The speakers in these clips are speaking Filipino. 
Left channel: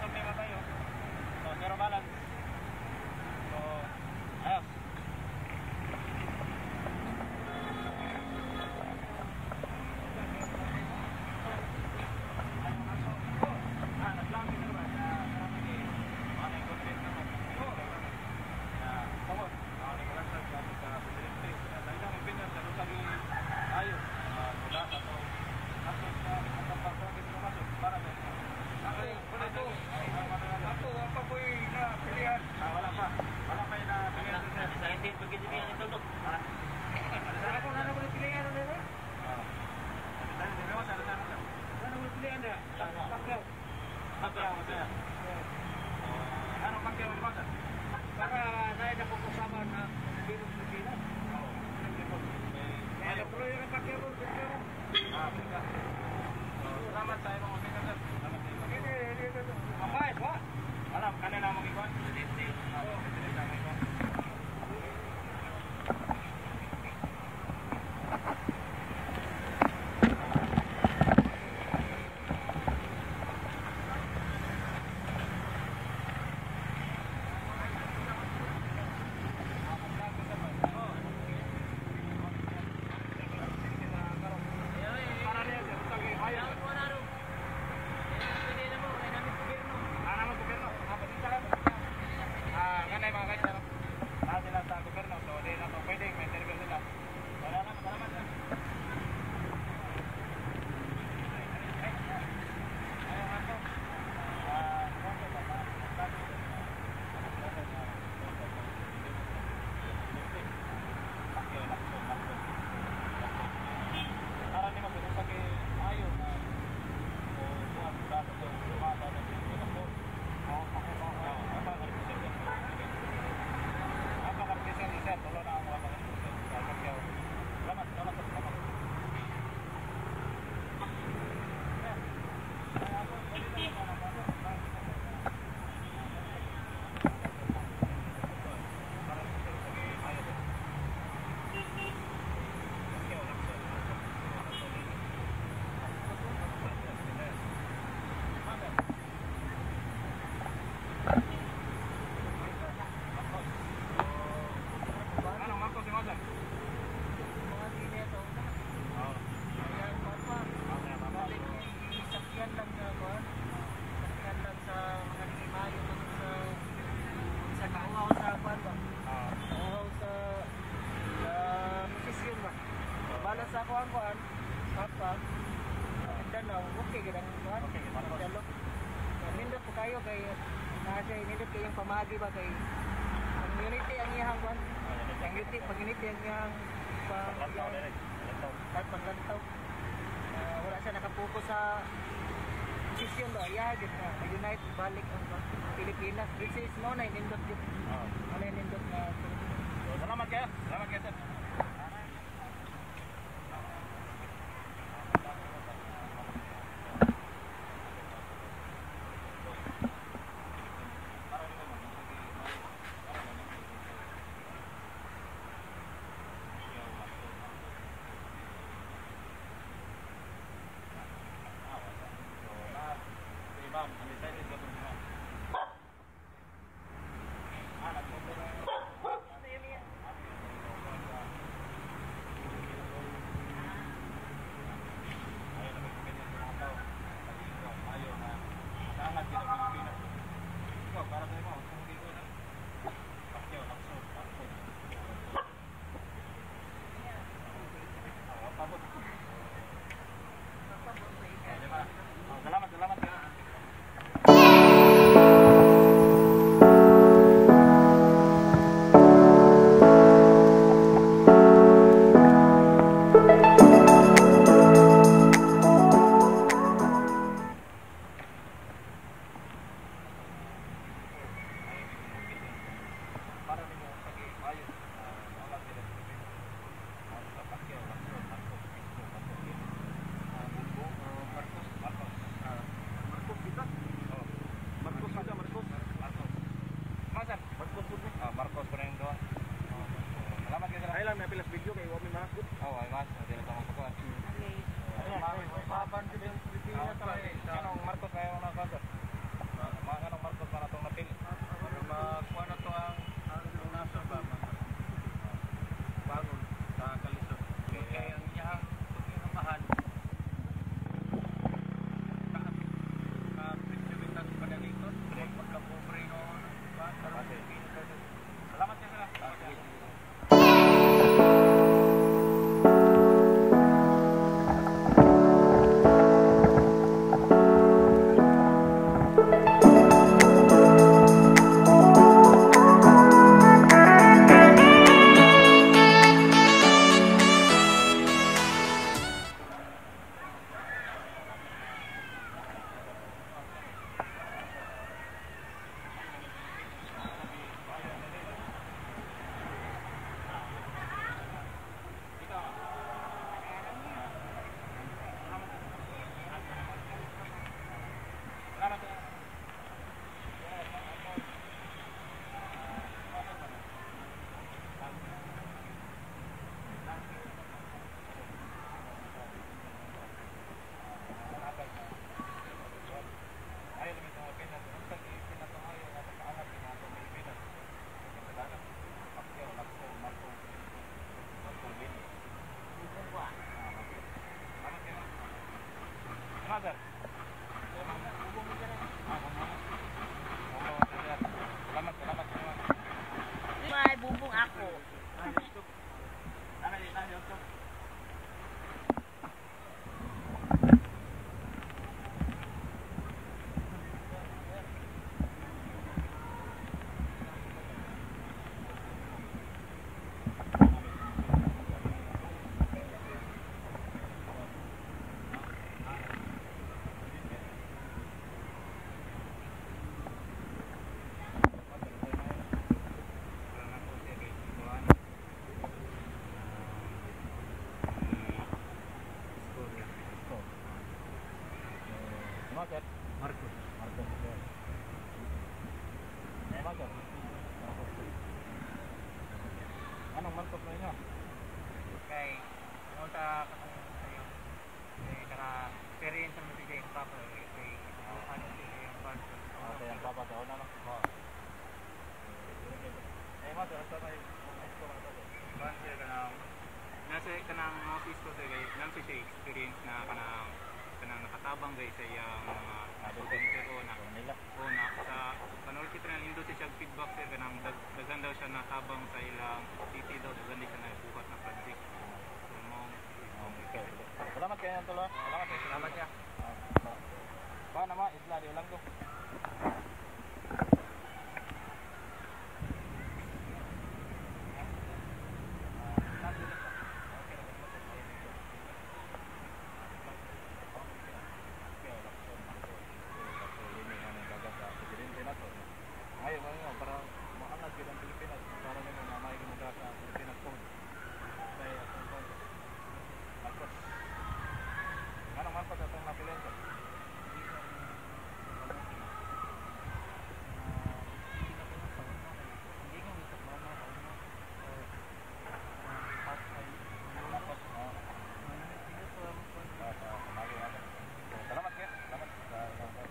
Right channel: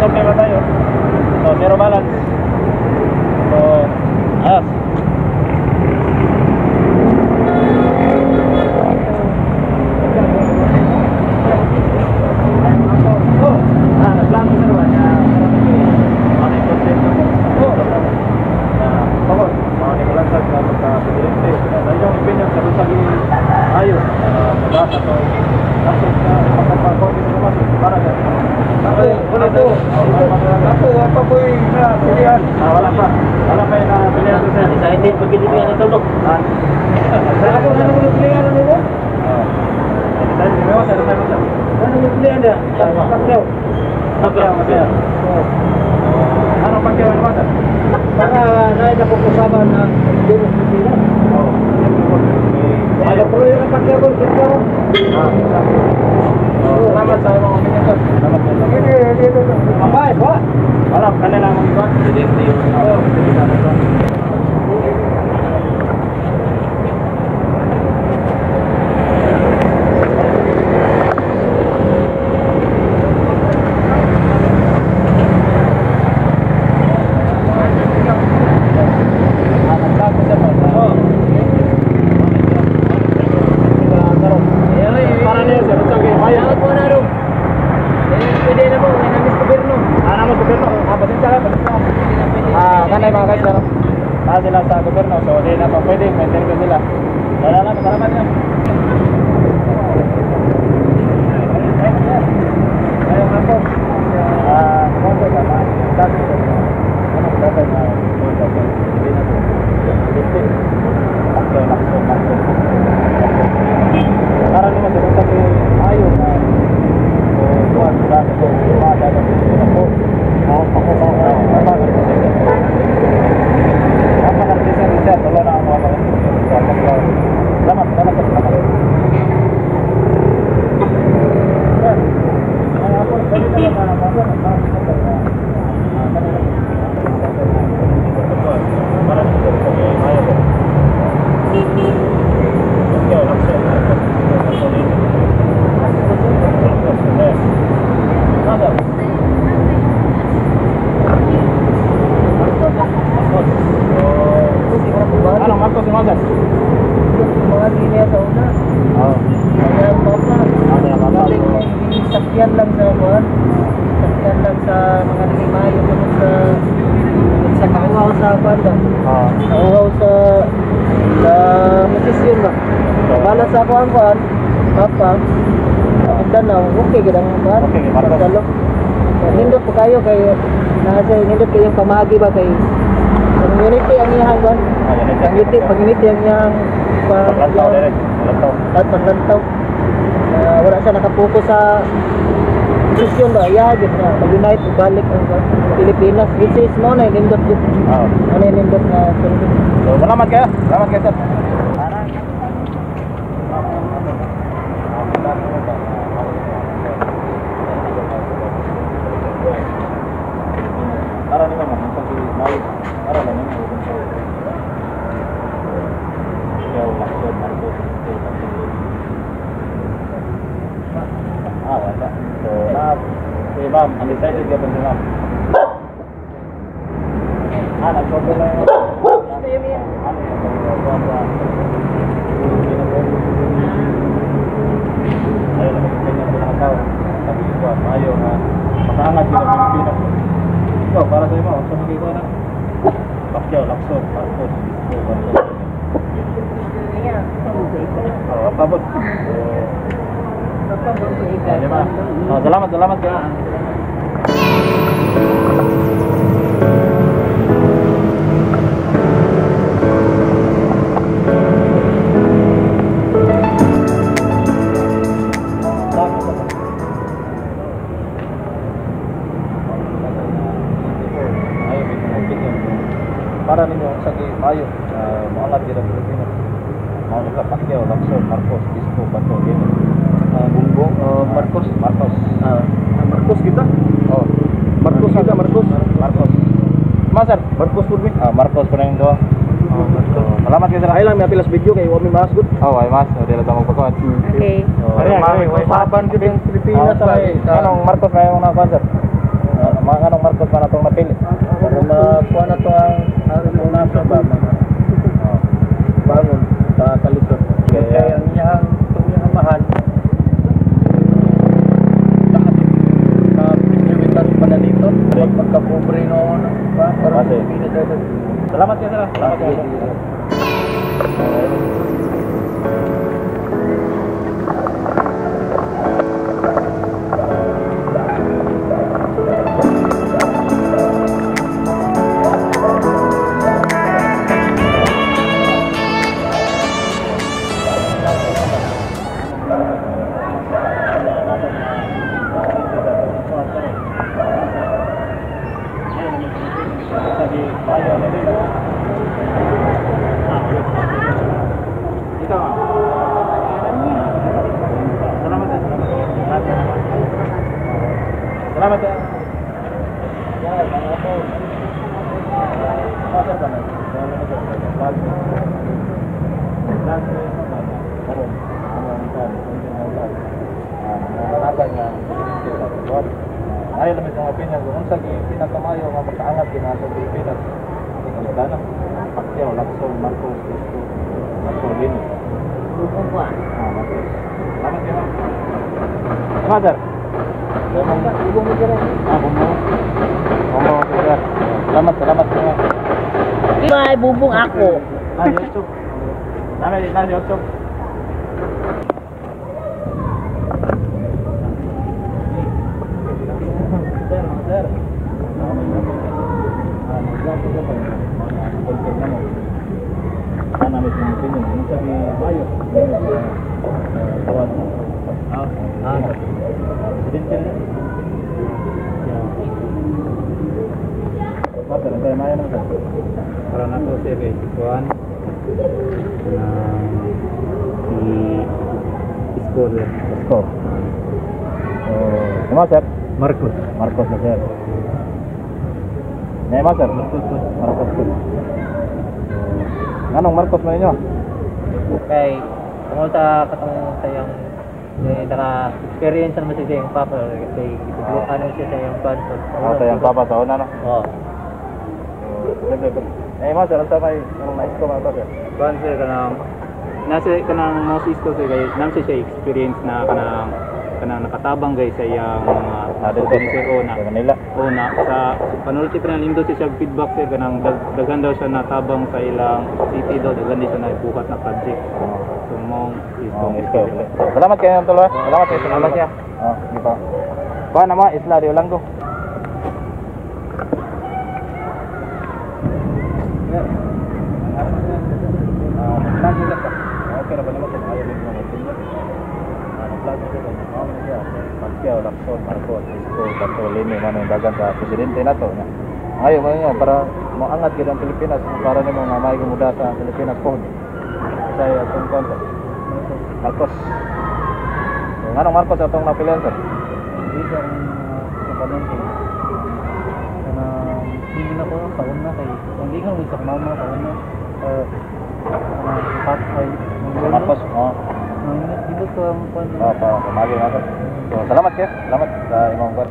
subli ba tayo? So, zero balance. So, ayos. Excited pag hindi yan natulog. Ako na naman yung pilihan ano mo? Ano yung pilihan niya? Pagkaw. Ano pagkaw ang mata? Baka nahin na pupusaban na hindi mo pilihan. Ano po yung pagkaw ko? Salamat sa mga minyakan. Salamat sa mga minyakan. Mabay, ba? Alam, kanila ang iba. Hindi yun. Sila sa gobyerno, so di na pa pwede maintain ko sila. Salamat niya. Ayun ako. Konto ka ba? Dati ko. Ano dapat na konto ko? Hindi na to. Okay, lakso. Para naman sa sabi ayo na buwan sa ko, umada na po. Ako. Sakyan lang sa mga nilimayo sa kauhaw sa banda. Kauhaw sa musisyon ba. Bala sa kuan papa. Danaw, okay gidang kuan. Okay, marko. Nindot po kayo kay nasa nindot kayo pamagi ba kay community ang iyang kuan. Community ang iyang paglantaw. Wala siya nakapokus sa posisyon ba? Yagit na mag-unite, balik ang Pilipinas. Which is mo na inindot yun. Ano inindot na sundo. So, salamat kayo. Salamat kayo, sir. Para naman naman sa Pilipinas. Para naman naman. Wala. So, ma'am, undecided ka ba si ma'am? Nag-sorbo lang yun. Ayaw na mag-Pilipinas ko ng tao. Sabi ko, ayaw na makaangat yun ang Pilipinas. Ikaw, para sa'yo mo, sa mga ikaw na. Pakyaw, lakso, markos. Pabot. Salamat kayo. Para ninyo sa mayo, maangat din ang Pilipinas. Mau nakapakyaw, lakso, markos, disco, bato, yun. Bumbong, Marcos kita? Oh, Marcos kita, Marcos. Master, Marcos Purmi? Marcos po na yung doon. Salamat kayo sila. Ay lang, may apilas video kayo, wami masgot. Ay mas, hindi lang tayo magpagkawad. Okay. Usapan kita yung Pilipinas. Anong Marcos kayo mga sir? Sakto pa na itong mapili. Para makuha na to ang nasa ba mga bangon sa kalisod. Kaya ang iyang mahal kapiliwitas pa na dito. Pagkapobre noon pa. Salamat kayo sir. Salamat kayo. Salamat ya. Ayo lebih sama Pilipinas, kung sa pinakamayo nga makaangat kina sa Pilipinas. Dana, Pacquiao, Lacson, Marcos, Lino. Dukong ko Salamat ya. Father. Dukong mo dyan. Sir. Salamat semua. May bubong ako. YouTube. Nana YouTube. Sir. Sana may pumipin yun. Yung sabi, bayo. Tawad. Presidente rin. Pero tayo maya naman sir. Para na to sir kay Sikuan na si Scholar Score. Sama sir? Marcos. Marcos na sir. Ngayon sir? Marcos po. Anong Marcos na inyo? Kay tungkol sa katong sayang naka-experience naman siya yung papa kay ano siya sa yung sponsor. Ito yung papa sa una no? Oo. Ngayon sir, ang sabay, anong nais ko mga sir? Kuan sir nasa kanang most isko sir kay nang siya experience na kanang nakatabang guys sa iyang mga organizer Sa Manila. una sa panulti pa nang industry siya feedback sir kanang daghan daw siya natabang sa ilang city daw daghan din siya na buhat na project. So mong Isko. Salamat kayo ng tuloy. Salamat kayo. Salamat ya. Di ba? Kuha naman, Isla Rio Langgo. Okay na ba naman kung ayaw mo mag-senior? Nag-vlog na sila. Pacquiao, Lacson, Marcos, Isko, Bartolini, manong dagan sa presidente na to. Ngayon mo niya, para maangat kita ang Pilipinas, para nimo nga may gumuda sa Pilipinas po. Saya itong konto. Marcos. So, nga nang Marcos itong napilihan sir? Hindi siya ang panunti. Na hindi na ko kaon na kay hindi ko sa mama kaon na. Patay. Marcos, oo. Dito ko ang pan. Pamagi nga sir. So, salamat kayo. Salamat sa imong kwan.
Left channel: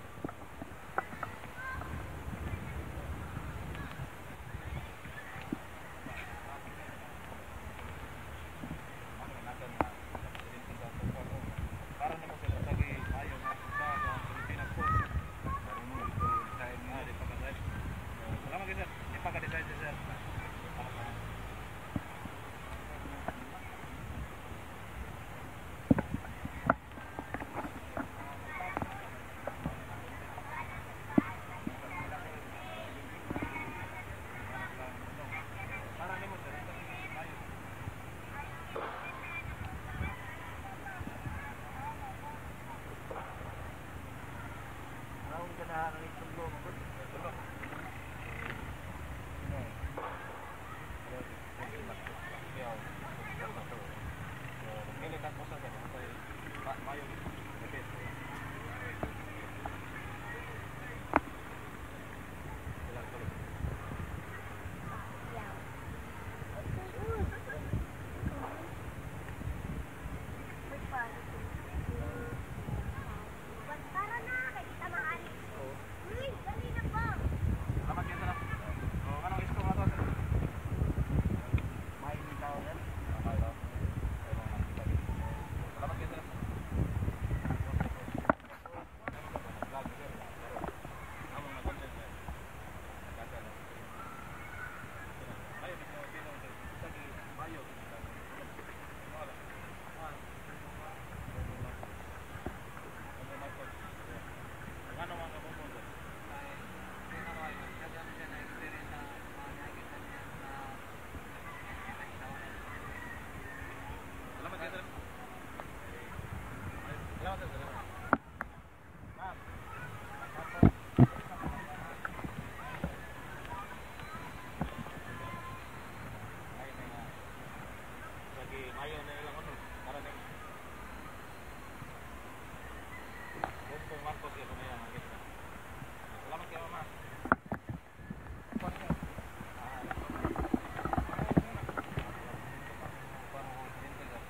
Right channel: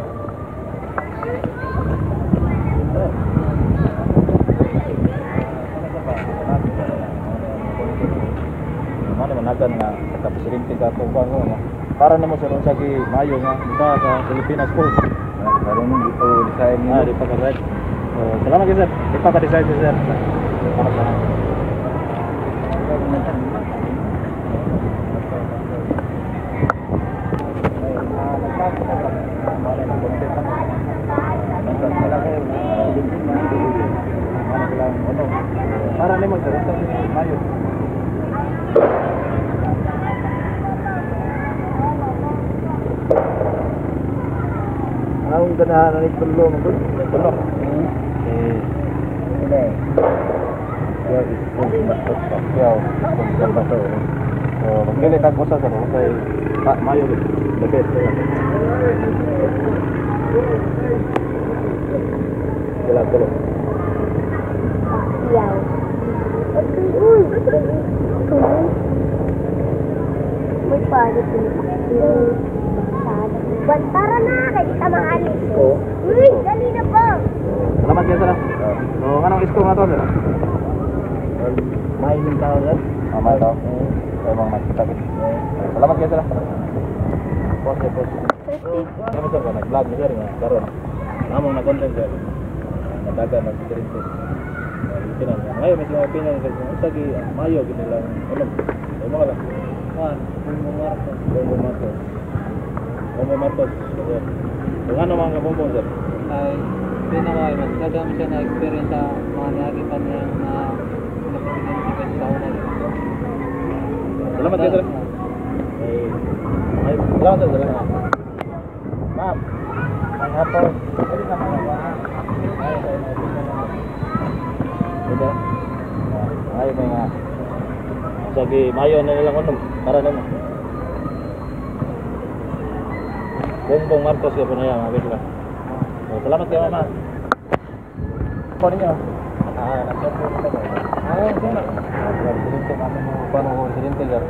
Ano managan nga kapresidente ka po ba mo? Para nimo sa unsagi mayo nga kita sa Pilipinas po. Karon dito design mo. Di pa ka-right. Salamat kayo sir. Di pa ka-design sir. Salamat. Para nimo sir, ito si Mayo. Ang ganahan ni tulo mo gud. Tulo. Ini. Ya itu masuk Pacquiao, bato. So, magdili tag usa sa kay Mayo the best. Sila tulo. Wow. Uy. Magpagod din. Tara na, kaya kita maalis. Oo. Uy, dali na po. Salamat kayo sir. So, anong isko nga to sir? May tao sir. May tao. Emang kita gitu. Salamat kayo sir. Pos. Kami sir, nag-vlog ni sir nga karon. Namong na-content sir. Nadagan nag-kirin sir. Kinan. Ngayon may mga opinion sir. Usagi mayo gid lang. Ano? Ay mga lang. Bongbong Marcos. Kung ano mga bongbong sir? Ay, pinaway, magdagam siya na experience sa mga nagitan niya na napresidente sa unay. Salamat kayo sir. Ay, salamat sir. Salamat. Ma'am. Ang hapon. Pwede ka mga Ito. Ay, mga sige, mayo na nilang unom. Para naman. Bongbong Marcos ya po na yan, mga bigla. Salamat kayo, mama. Ako ninyo. Nag-siyempre ito ba? Hindi na. Nag-siyempre kami mga paano ko silinte, sir.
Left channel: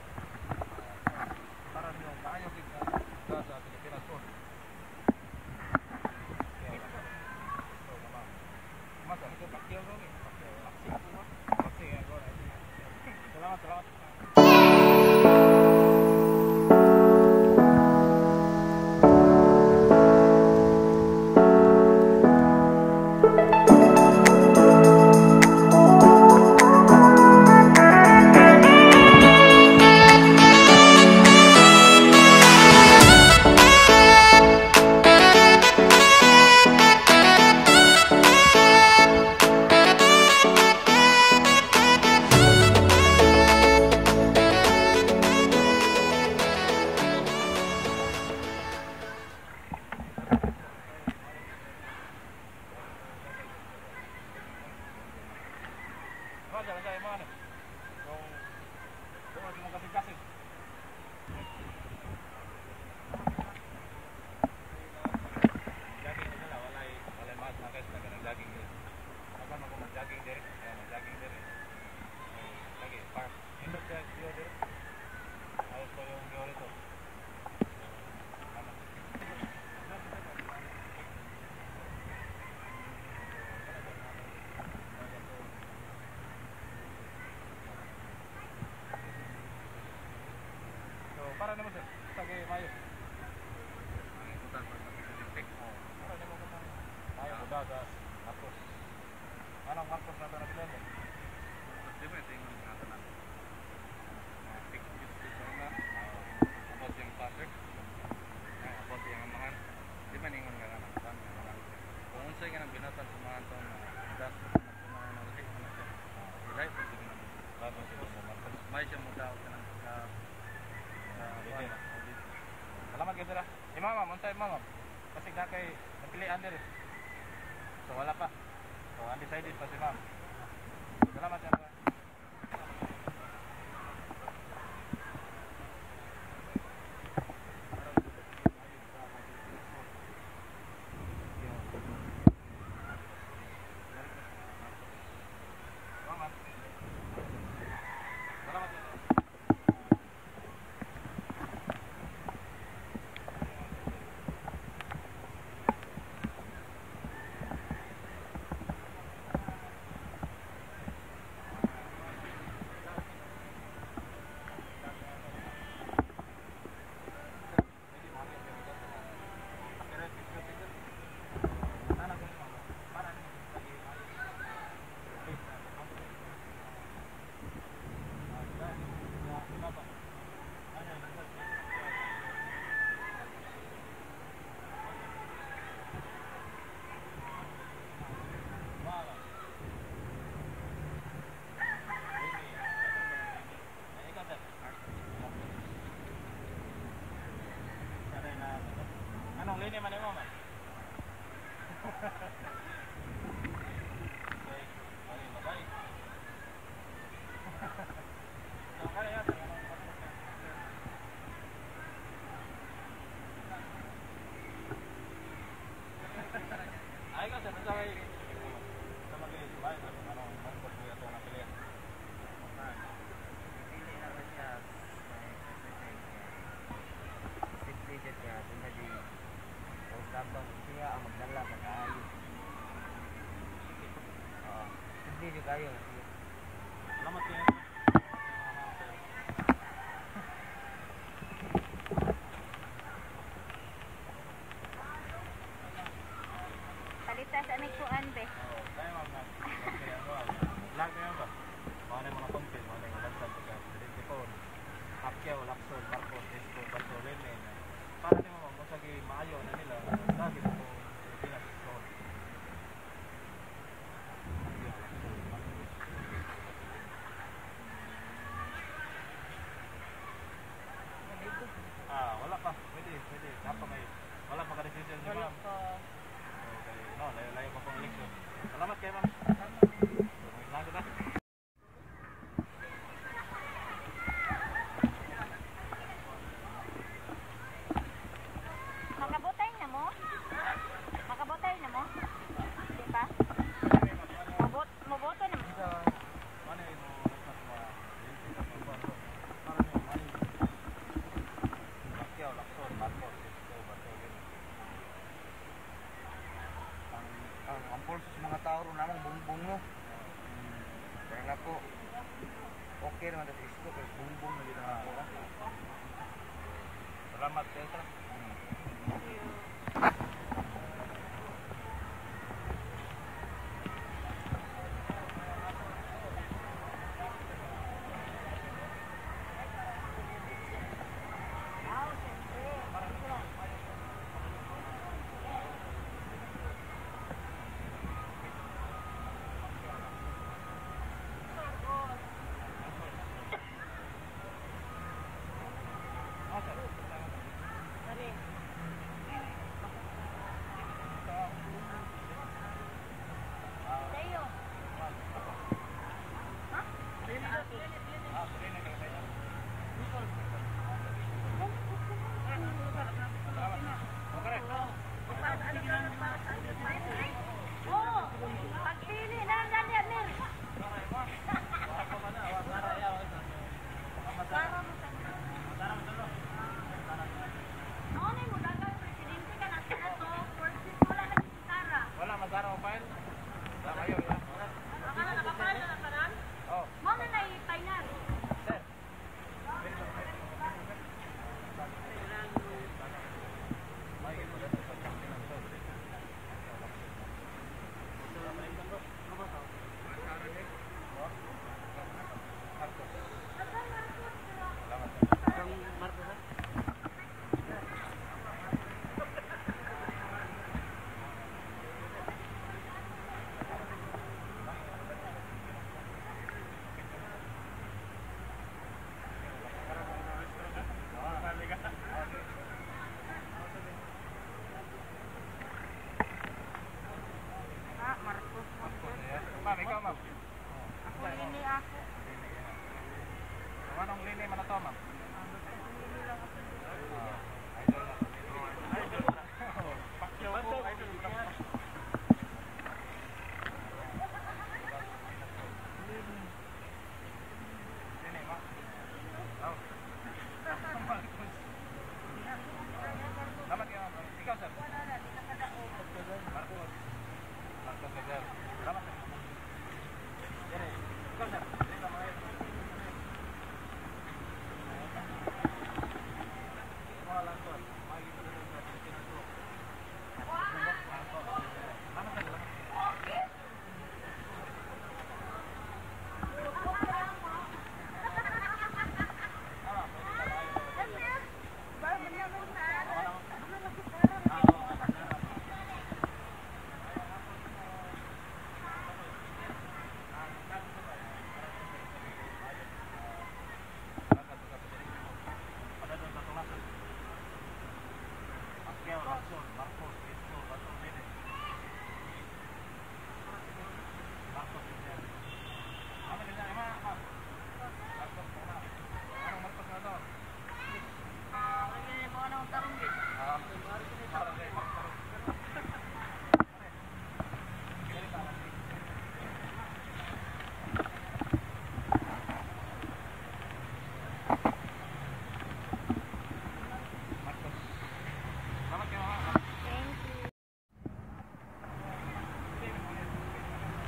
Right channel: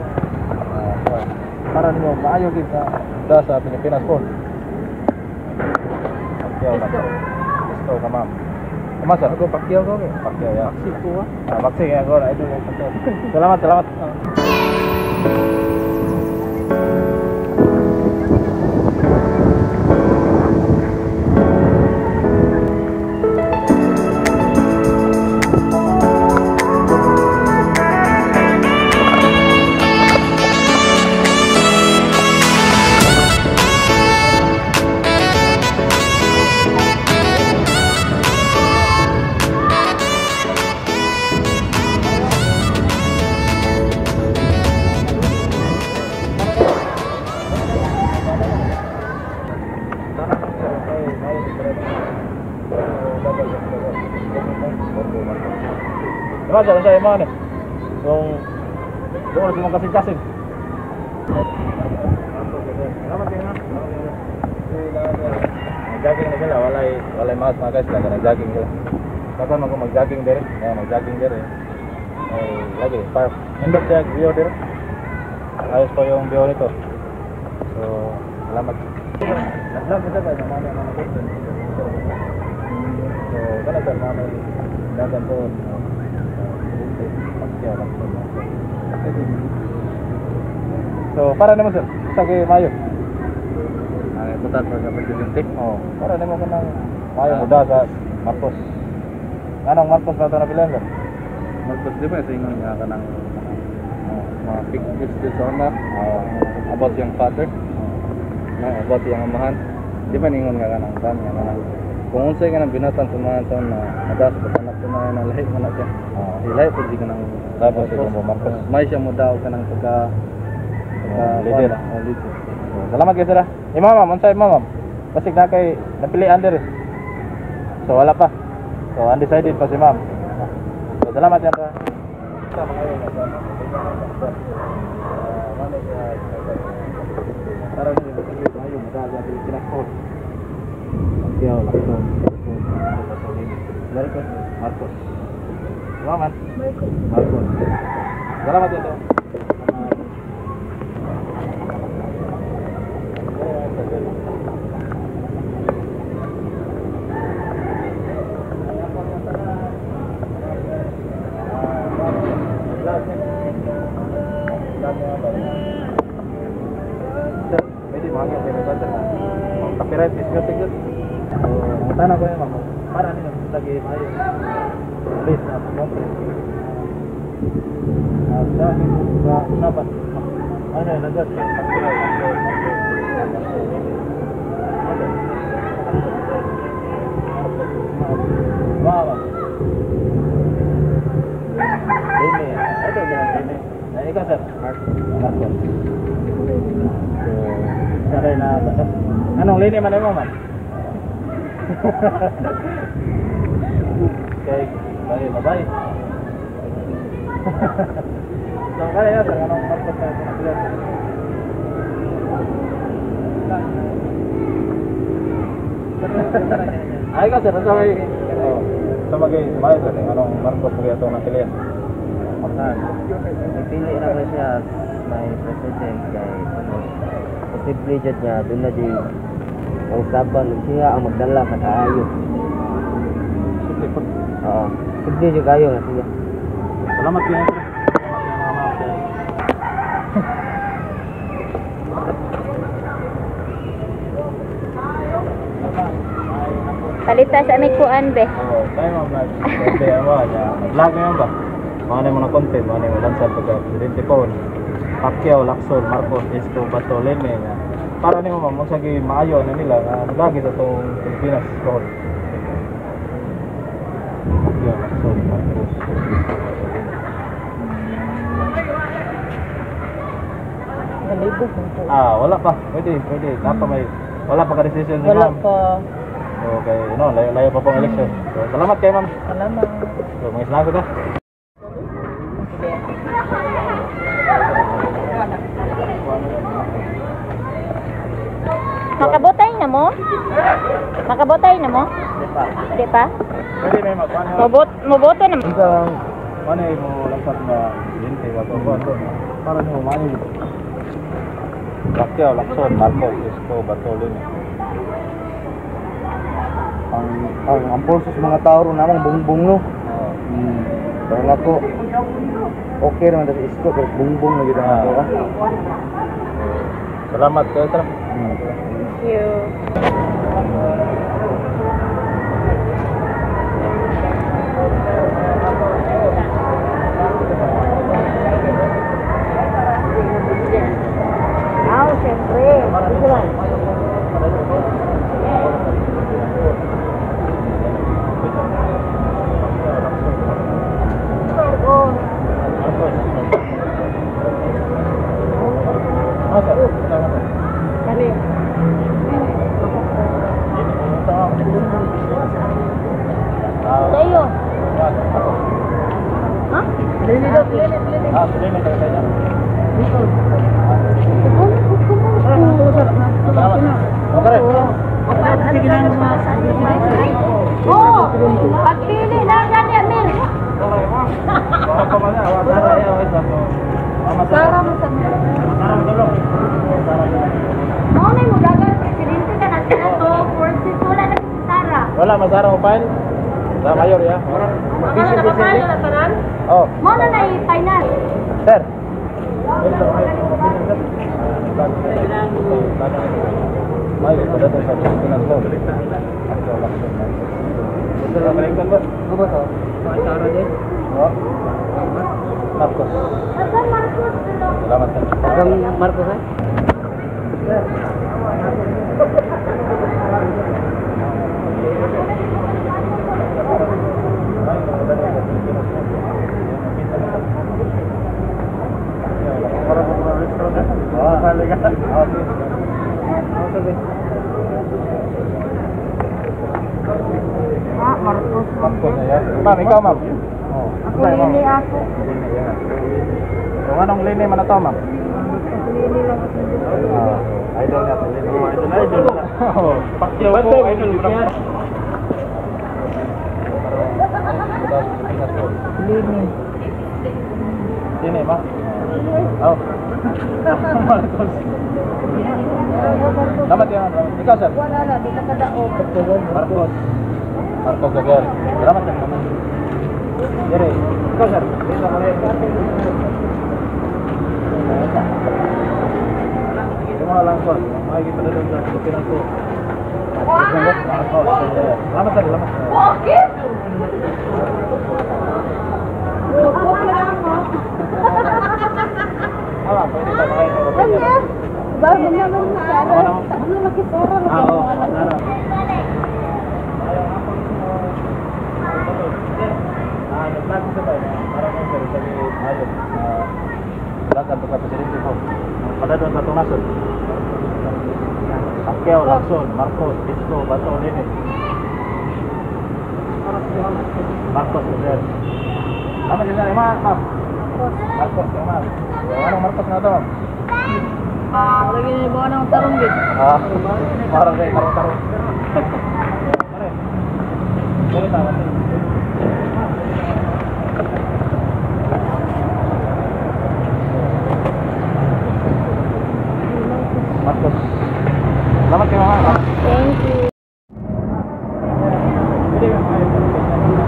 Para ninyo, maayo kita sa Pilipinas po. Pakyaw lang. Gusto ka, ma'am. Mas ako pakyaw ko, okay? Pakyaw, ya. Baksik ko, ha? Baksik, ya. Ito yung pakyaw. Salamat. Mas sa imo ni. Yung doon sa mga kasing-kasing. Jogging na sila, walay mga guys lang na jogging sila. Kapan mo mag-jogging dire? Mag-jogging dire. Ay, lagi park. Indot siya view dire. Ayos po yung view nito. So, salamat. Nag-vlog kita ba na mga question. So, kana sa mga dagan po. So, para naman sir, sige mayo. Ay, butan pa sa presidente. Oh, para naman ko nang mayo muda sa Marcos. Anong Marcos na ito na pilan sir? Marcos di ba ito yung nga ka ng mga big business owner about yung father, about yung amahan. Di ba ningon nga ka ng tan nga ng kung unsay nga nang binatang sa mga taon na adas sa anak ko na lahi mo na siya. Lahi po di ka ng tapos Marcos. May siya mo daw ka ng pagka leader. Salamat kayo sir. Ma'am, unsay ma'am? Kasi na kay napilian dire. So wala pa. So undecided pa si ma'am. So salamat yan pa. Para sa tayo magagawa sa Pilipinas. Yo, Marcos. Salamat. Marcos. Salamat ito. Copyright is music yun. So, ang tanong ko yun, para nyo lagi mayo. Please, mo. Dapat. Ano yun, nagad. Wow. Ini. Ito bilang ini. Nah, ikaw sir. Marcos. So, saray na ba? Anong lini man mo man? Okay, bye. So, kaya ya, anong Marcos na pinagbilan? Ay ka sir, sa may mayo sir, anong Marcos kaya ito ng pilihan? Ipili na ko siya may president kay posible jud niya doon na di ang saban siya ang magdala kada ayo. Dili po. Oo. Hindi juga kayo na siya. Salamat kayo, sir. Salamat, sir. Palita sa may kuan be. Oo, tayo mga vlog. Kaya mo, vlog ngayon ba? Mga na mga content, mga na lansar pagka Presidente Paul, Pacquiao, Lacson, Marcos, Isko, Bato, Leme. Para nimo ma'am, magsagi maayo na nila nga lagi sa itong Pilipinas. Road. Pacquiao, Lacson, Marcos, Nalibog. wala pa. Pwede. Napa may, wala pa ka-decision ni Wala ma'am. pa. Okay, layo pa pong election. So, salamat kayo ma'am. Salamat. So, mga salamat na. Makabotay na mo? Makabotay na mo? Di pa? Pwede na yung magpano. Moboto na mo? Isang, ano mo langsat na Presidente, para nyo maayo. Pacquiao, Lacson, Marcos, Isko, Bato, Leme. Ang pulsos mga tao ron namang bungbong no. Pero ako okay naman sa isko pero bungbong na gid ang ako ka. Salamat kayo, sir. Thank you. Siyempre. Tayo. Ha? Lili. Oh, pagpili na gani Amir. Sara mo sa mo na mo dagan presidente ka natin ato, forces wala na si Sara. Wala, masara mo file? Sa mayor, ya? Ano na kapal na tanan? Oh, Mo na na i-final. sir. May pada sa Pilipinas to. Ito lang balikan ba? Ano ba to? Sara din. Oh. Marcos. Asan Marcos? Salamat sir. Ang Marcos ha? Marcos. Marcos na yan. Ma'am, ikaw ma'am. Oh. Ako lini ako. Kung anong lini man na to ma'am? Lini lang ako. Idol na to. Idol na. Pacquiao po, idol mo na. Lini. Sini ba? Oh. Marcos. Salamat yan. Ikaw sir. Wala na, di na kadaog. Marcos. Marcos Gagal. Salamat sir. Jere. Ikaw sir. Dito mo rin. Ito mga langkon. Makikita na doon sa Pilipinas ko. Salamat sir. Salamat. Bakit? Pwede ba makain? Bago naman na araw. Ano nakipera? Oo. Nag-vlog ko ba? Para mo sir, sabi ayun. Vlog ka sa Presidente ko. Pada doon sa Tunason. Pacquiao, Lacson, Marcos, Isko, Bato, Leme. Marcos, sir. Nama din na, ma'am. Marcos, ma'am. Anong Marcos na ito, ma'am? Lagi na ba ng tarong gid? Parang kayo, tarong-tarong. Sorry, tama. Marcos. Salamat kayo, ma'am. Thank you. Pwede ba kayo?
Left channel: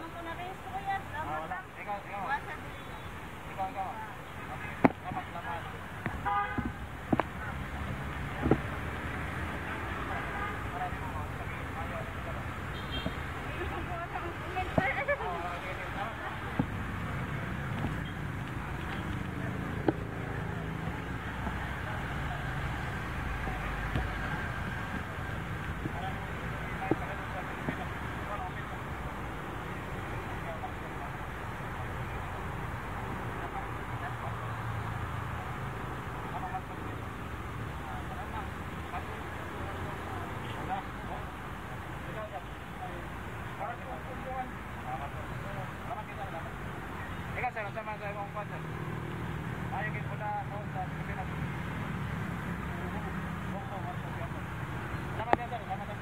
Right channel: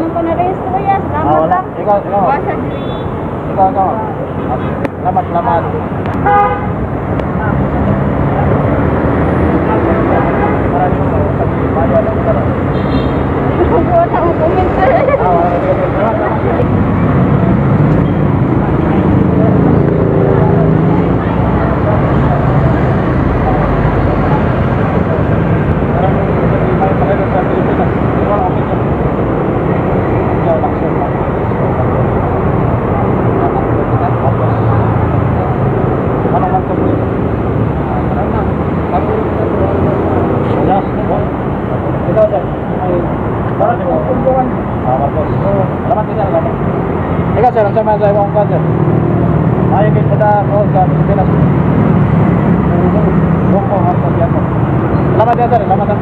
naman ko na-register yan. Salamat wala. lang. Ikaw. Basa dili. Ikaw. Salamat. Maraming mo pag-bayan ang sarap. Wala akong comment sir. Ikaw sir, ang sama sa ibang kanser. Ayaw kayo pada ko sa Pilipinas. Bongko, Marcos yan mo. Salamat yan sir, salamat.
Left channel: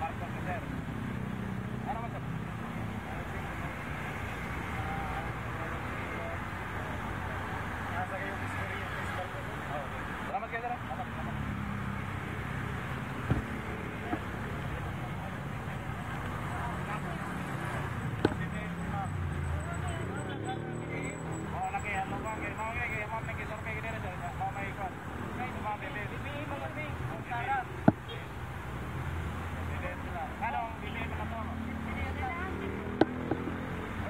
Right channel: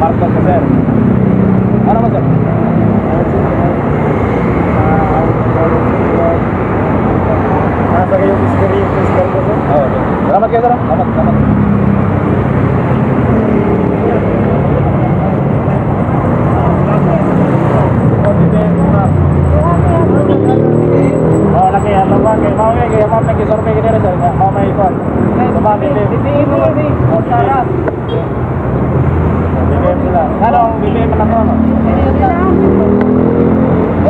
Marcos sir. Ano mo sir? Nasa kayong experience ko po. Salamat kayo sir. Salamat. Lagi ya, mau lagi survei gini sir, mau may ikon. Coba bibili mo kasi. Sarap. Bibili sila. Ano, bibili mo lang ano?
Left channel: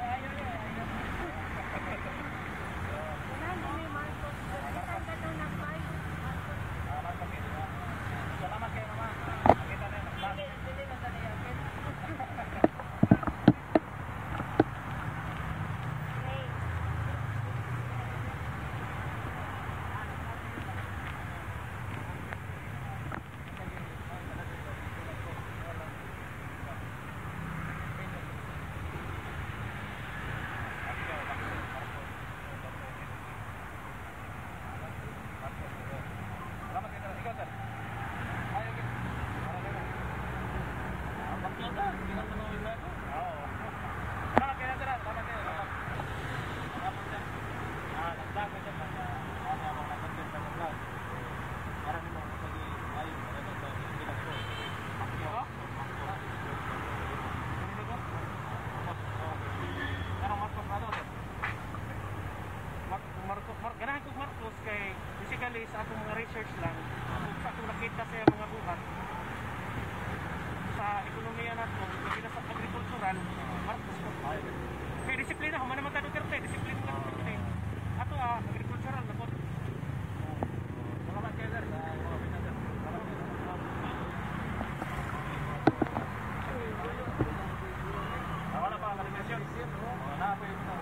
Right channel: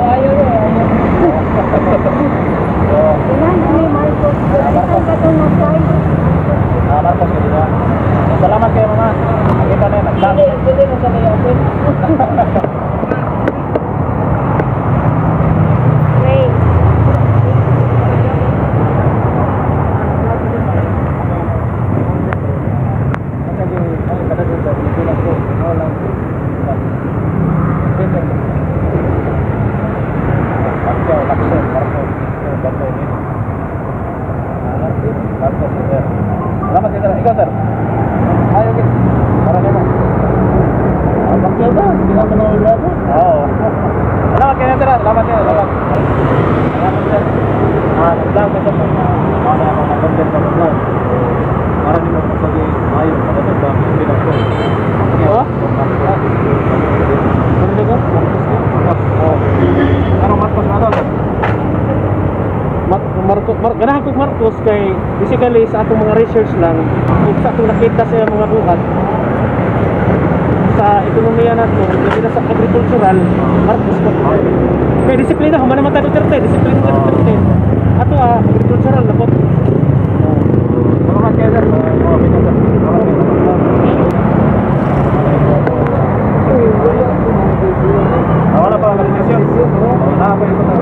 Ayo. Marcos gitu ya. Salamat kayo mama. Kita na nagdang. Pwede mo kami open. Wait. Salamat kayo sir. Ikaw sir. Ayo kita. Para naman. Bakit ba? Sila mo na ulit. Oo. Salamat kayo sir. Salamat kayo. Salamat sir. Naglang ko sa mga content na vlog. Para din mo pagi ayo para sa Pilipinas ko. Oh? Ano ko? Ano Marcos na daw? Ganahan ko Marcos kay basically sa atong mga research lang kung sa atong nakita sa mga buhat sa ekonomiya nato, kasi sa agricultural, Marcos ko. Kaya disiplina, humana naman tayo Duterte, disiplina ka Duterte. Ato agricultural na po. Salamat kayo sir. Salamat wala pa ang desisyon. Wala pa ito sa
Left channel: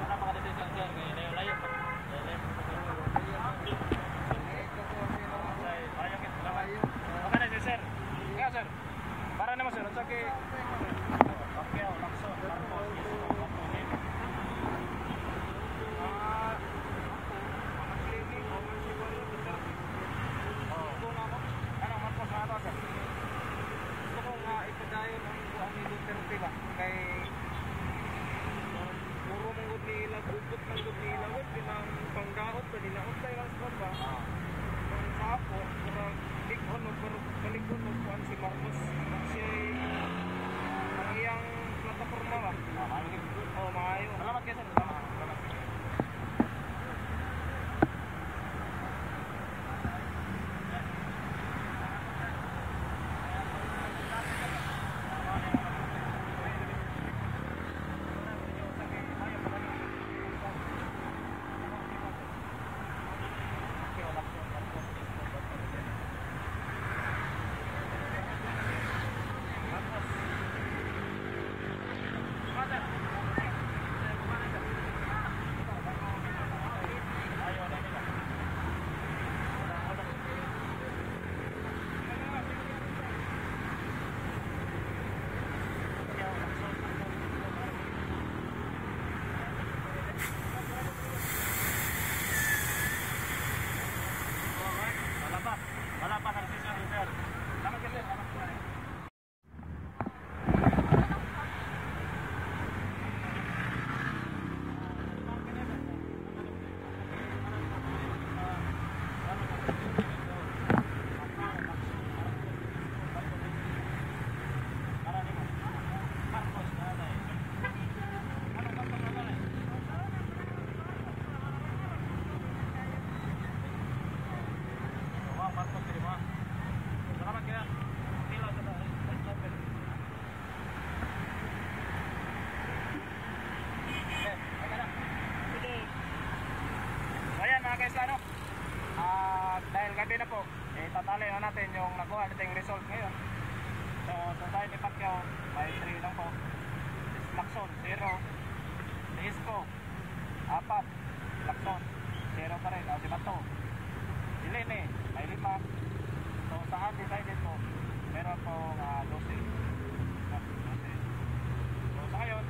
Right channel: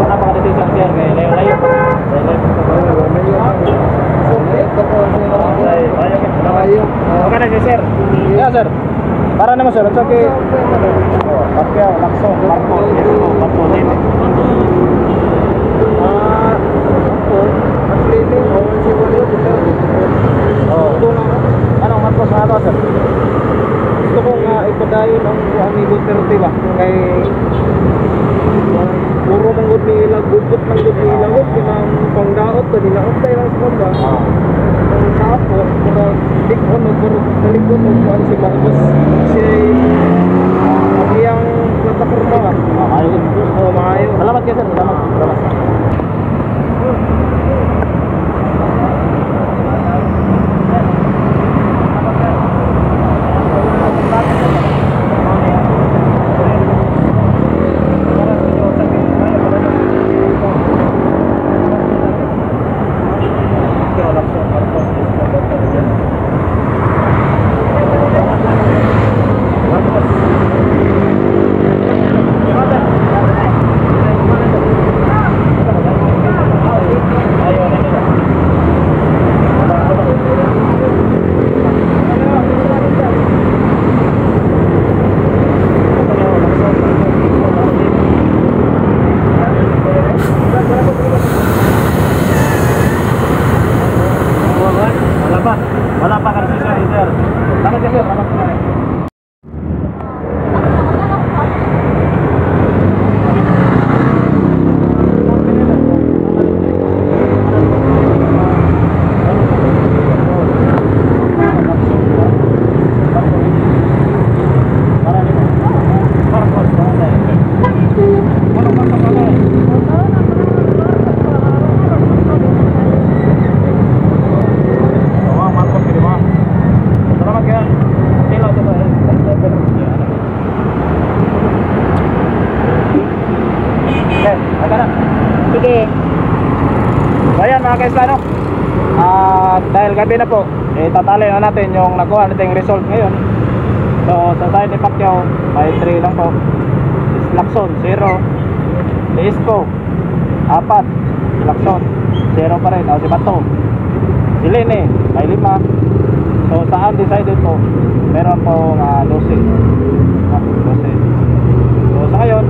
wala pa ang desisyon sir kay layo-layo pa. Okay na sir. Yeah sir. Para naman sir, at kay Pacquiao, Lacson, Marcos, Marcos din. Anong Marcos na ito sir? Gusto kong ipadayon ang ni Duterte ba? Kay puro manggod ni ilang, gugot manggod ni ilang, kinang pangdaot pa, dinaot tayo lang sa ba? Ang tapo, para likon o para malikon o kuhan si Marcos. Kasi ang iyang plataforma ba? Ayun. Oo, maayo. Salamat kayo sir. Salamat. kagabi na po, tatali na natin yung nakuha nating result ngayon. So sa side ni Pacquiao, may 3 lang po. Lacson, 0. Si Isko, 4. Si Lacson, 0 pa rin. Si Bato, si Lene, may 5. So sa undecided po, meron po 12. 12. So sa ngayon,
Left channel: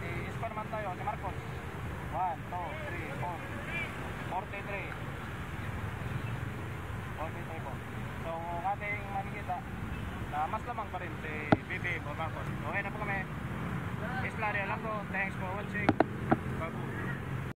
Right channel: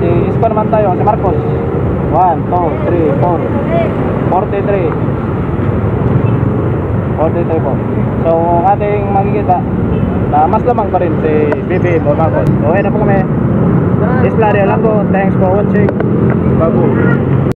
si Isko naman tayo, si Marcos, 1, 2, 3, 4, 43. 43 po. So ating makikita na mas lamang pa rin si BBM o Marcos. So ayun na po kami. Isla Rio Lango. Thanks for watching. Babu.